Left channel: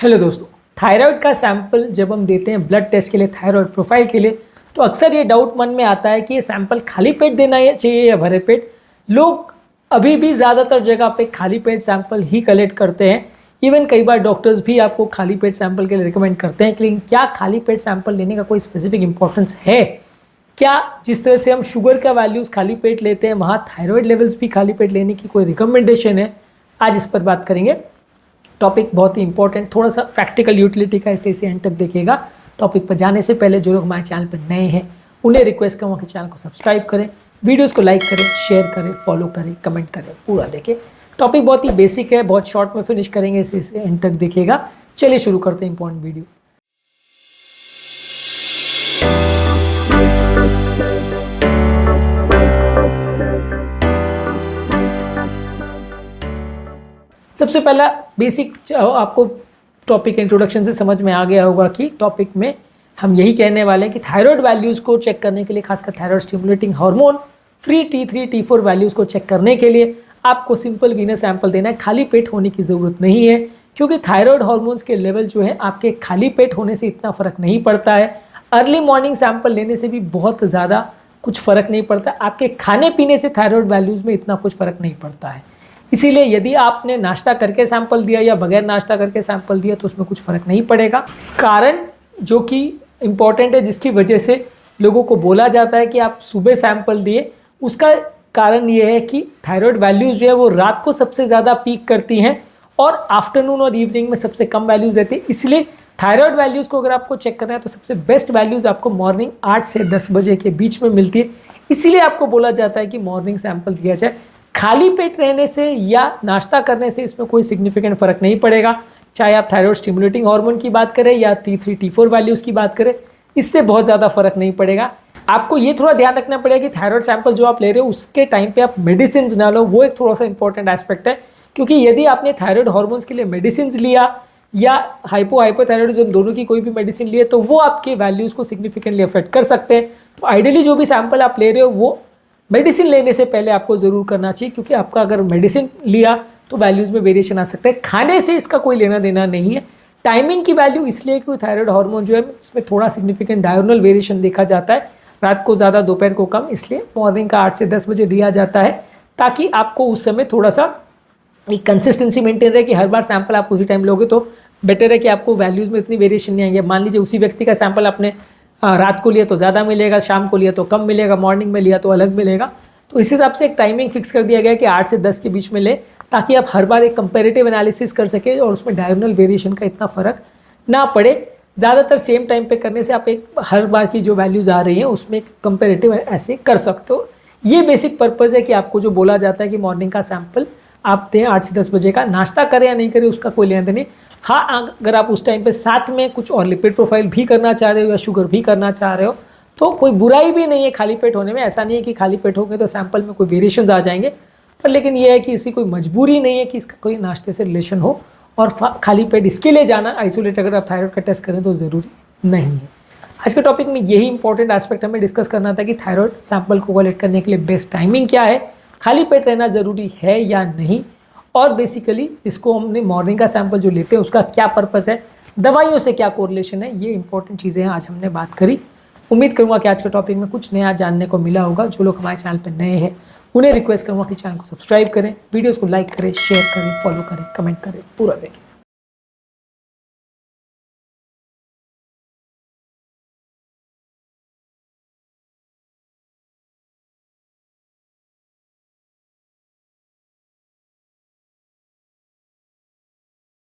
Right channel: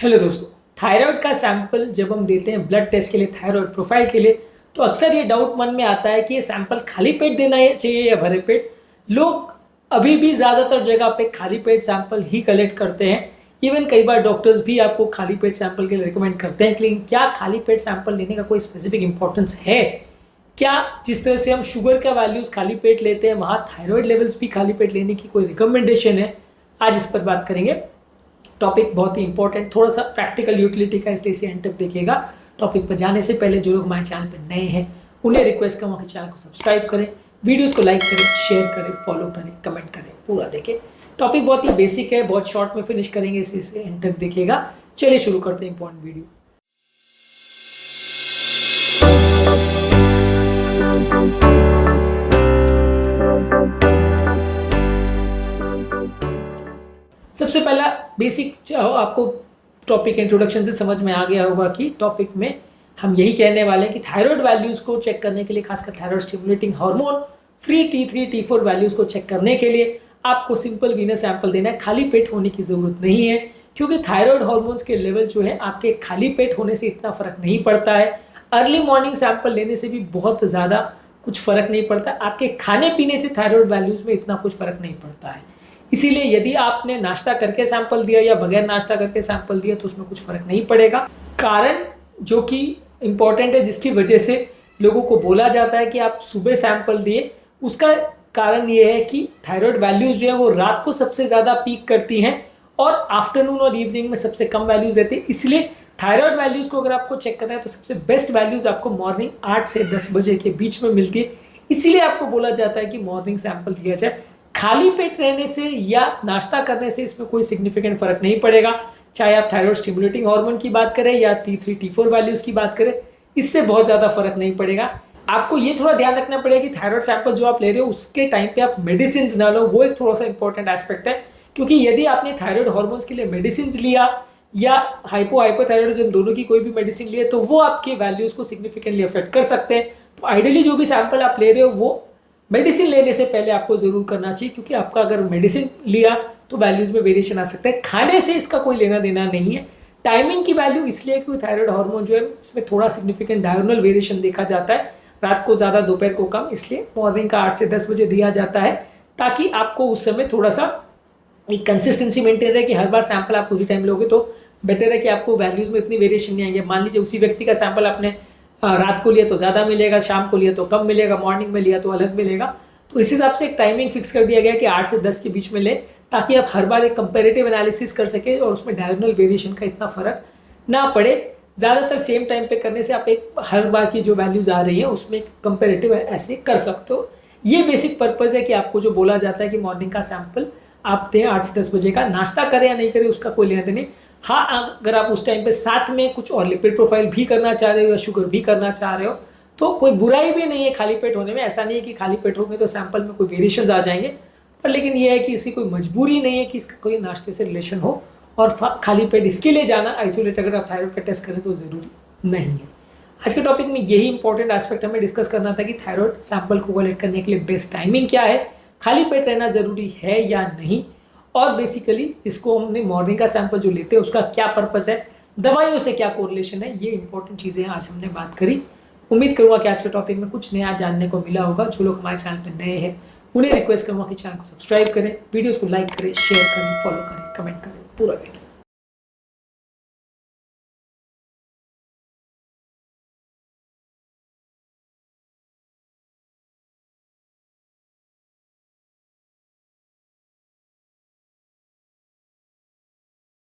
Hello दोस्तों, thyroid का sample जब हम देते हैं ब्लड टेस्ट के लिए, थायराइड प्रोफाइल के लिए, तो अक्सर ये डाउट मन में आता है कि ये सैंपल खाली पेट देना चाहिए या भरे पेट। लोग अभी भी ज़्यादातर जगह पे खाली पेट सैंपल ही कलेक्ट करते हैं। इवन कई बार डॉक्टर्स भी आपको खाली पेट सैंपल के लिए रिकमेंड करते हैं। लेकिन क्या खाली पेट सैंपल लेने का कोई स्पेसिफिक इंपॉर्टेंस है? क्या जिस तरह से हम शुगर का वैल्यूज़ खाली पेट लेते हैं, वहाँ थायराइड लेवल्स भी खाली पेट लेने की कोई रिकमेंडेशन है? आज इस पर बात करेंगे। टॉपिक बहुत ही इंपॉर्टेंट, थोड़ा सा प्रैक्टिकल यूटिलिटी का, इसलिए इसे एंड तक देखिएगा। टॉपिक पर जाने से पहले जो लोग हमारे चैनल पर नए हैं उन्हें रिक्वेस्ट करूँगा कि चैनल को सब्सक्राइब करें, वीडियोस को लाइक करें, शेयर करें, फॉलो करें, कमेंट करें, पूरा देखें। टॉपिक बहुत ही बेसिक है, बहुत शॉर्ट में फिनिश करेंगे, इसे एंड तक देखिएगा। चलिए शुरू करते हैं इंपॉर्टेंट वीडियो। सबसे पहला बेसिक आपको टॉपिक इंट्रोडक्शन से समझ में आ गया होगा कि टॉपिक में हम यही कहने वाले हैं कि थायराइड वैल्यूज़ को चेक करने के लिए, खासकर thyroid stimulating hormone free T3 T4 values को चेक करने के लिए आपको सिंपल वीनस सैंपल देना है। खाली पेट होने की ज़रूरत नहीं है, क्योंकि थायराइड हार्मोन्स के लेवल जो है आपके खाली पेट होने से इतना फ़र्क नहीं पड़ता है। अर्ली मॉर्निंग सैंपल लेने से भी बहुत ज़्यादा कुछ फ़र्क नहीं पड़ता। आपके खाने पीने से थायराइड वैल्यूज़ में इतना कुछ फ़र्क नहीं पड़ता है। इसीलिए यदि आपने नाश्ता करके सैंपल दिया या बगैर नाश्ता करके सैंपल दिया तो उसमें कुछ फ़र्क नहीं पड़ेगा। कारण जो कि इम्पॉर्टेंट है, जिसकी वजह से लोगों को बोला जाता है कि आप सुबह सैंपल दिए, उसका कारण ये है कि थायराइड वैल्यूज़ जो है वो रात को सबसे ज़्यादा पीक करती हैं और आफ्टरनून और इवनिंग में सबसे कम वैल्यूज़ रहती है। इसलिए थायराइड वैल्यूज़ को अगर आपको चेक करना है तो सबसे बेस्ट वैल्यूज़ आपको मॉर्निंग 8 से 10 बजे के बीच में मिलती है। इसीलिए आपको बोला जाता है कि मॉर्निंग सैंपल दिया जाए। खाली पेट रहने से या नाश्ता करने से इसमें कोई सिग्निफिकेंट फ़र्क नहीं पड़ेगा। चाहे आप थायराइड स्टिमुलेटिंग हार्मोन की बात करें या T3 T4 वैल्यूज़ की बात करें, इससे बहुत ज़्यादा फ़र्क नहीं पड़ेगा। आपको ये थोड़ा ध्यान रखना पड़ेगा कि थायराइड सैंपल जो आप ले रहे हो उसके टाइम पे आप मेडिसिन ना लो, वो एक थोड़ा सा इंपॉर्टेंट एस्पेक्ट है। क्योंकि यदि आपने थायराइड हार्मोन्स के लिए मेडिसिन लिया या हाइपोथायराइडिज्म दोनों की कोई भी मेडिसिन लिए तो वो आपके वैल्यूज़ को सिग्निफिकेंटली अफेक्ट कर सकते हैं। तो आइडियली जो भी सैंपल आप ले रहे हो वो मेडिसिन लेने से पहले आपको ज़रूर करना चाहिए, क्योंकि आपका अगर मेडिसिन लिया तो वैल्यूज़ में वेरिएशन आ सकता है। खाने से इसका कोई लेना देना नहीं है। टाइमिंग की वैल्यू इसलिए क्योंकि थायराइड हार्मोन जो है इसमें थोड़ा सिग्निफिकेंट डायगोनल वेरिएशन देखा जाता है, रात को ज़्यादा दोपहर को कम, इसलिए मॉर्निंग का 8 से 10 बजे दिया जाता है ताकि आपको उस समय थोड़ा सा एक कंसिस्टेंसी मेंटेन रहे कि हर बार सैंपल आप उसी टाइम लोगे तो बेटर है कि आपको वैल्यूज़ में इतनी वेरिएशन नहीं आएंगे। मान लीजिए उसी व्यक्ति का सैंपल आपने रात को लिया तो ज़्यादा मिलेगा, शाम को लिया तो कम मिलेगा, मॉर्निंग में लिया तो अलग मिलेगा। तो इस हिसाब से एक टाइमिंग फिक्स कर दिया गया कि 8 से 10 के बीच में ले, ताकि आप हर बार एक कंपैरेटिव एनालिसिस कर सके और उसमें डायगोनल वेरिएशन का इतना फ़र्क ना पड़े। ज़्यादातर सेम टाइम पे करने से आप एक हर बार की जो वैल्यूज़ आ रही हैं उसमें एक कंपैरेटिव ऐसे कर सकते हो। ये बेसिक पर्पज़ है कि आपको जो बोला जाता है कि मॉर्निंग का सैंपल आप दें 8 से 10 बजे का। नाश्ता करें या नहीं करें उसका कोई लेना देना नहीं। हाँ, अगर आप उस टाइम पे साथ में कुछ और लिपिड प्रोफाइल भी करना चाह रहे हो या शुगर भी करना चाह रहे हो तो कोई बुराई भी नहीं है खाली पेट होने में। ऐसा नहीं है कि खाली पेट होंगे तो सैंपल में कोई वेरिएशंस आ जाएंगे, पर लेकिन ये है कि इसी कोई मजबूरी नहीं है कि इसका कोई नाश्ते से रिलेशन हो और खाली पेट इसके लिए जाना आइसोलेट अगर आप थायराइड का टेस्ट करें तो ज़रूरी नहीं है। आज के टॉपिक में यही इंपॉर्टेंट एस्पेक्ट हमें डिस्कस करना था कि थायराइड सैंपल को कलेक्ट करने के लिए बेस्ट टाइमिंग क्या है, खाली पेट रहना ज़रूरी है या नहीं, और बेसिकली इसको हमने मॉर्निंग का सैंपल जो लेते हैं उसका क्या पर्पज़ है, दवाइयों से क्या कोरिलेशन है, ये इंपॉर्टेंट चीज़ें हैं आज हमने बात करी। उम्मीद करूँगा कि आज के टॉपिक में कुछ नया जानने को मिला होगा। जो लोग हमारे चैनल पर नए हैं उन्हें रिक्वेस्ट करूँगा कि चैनल को सब्सक्राइब करें, वीडियोज़ को लाइक करें, शेयर करें, फॉलो करें, कमेंट करें, पूरा देखें।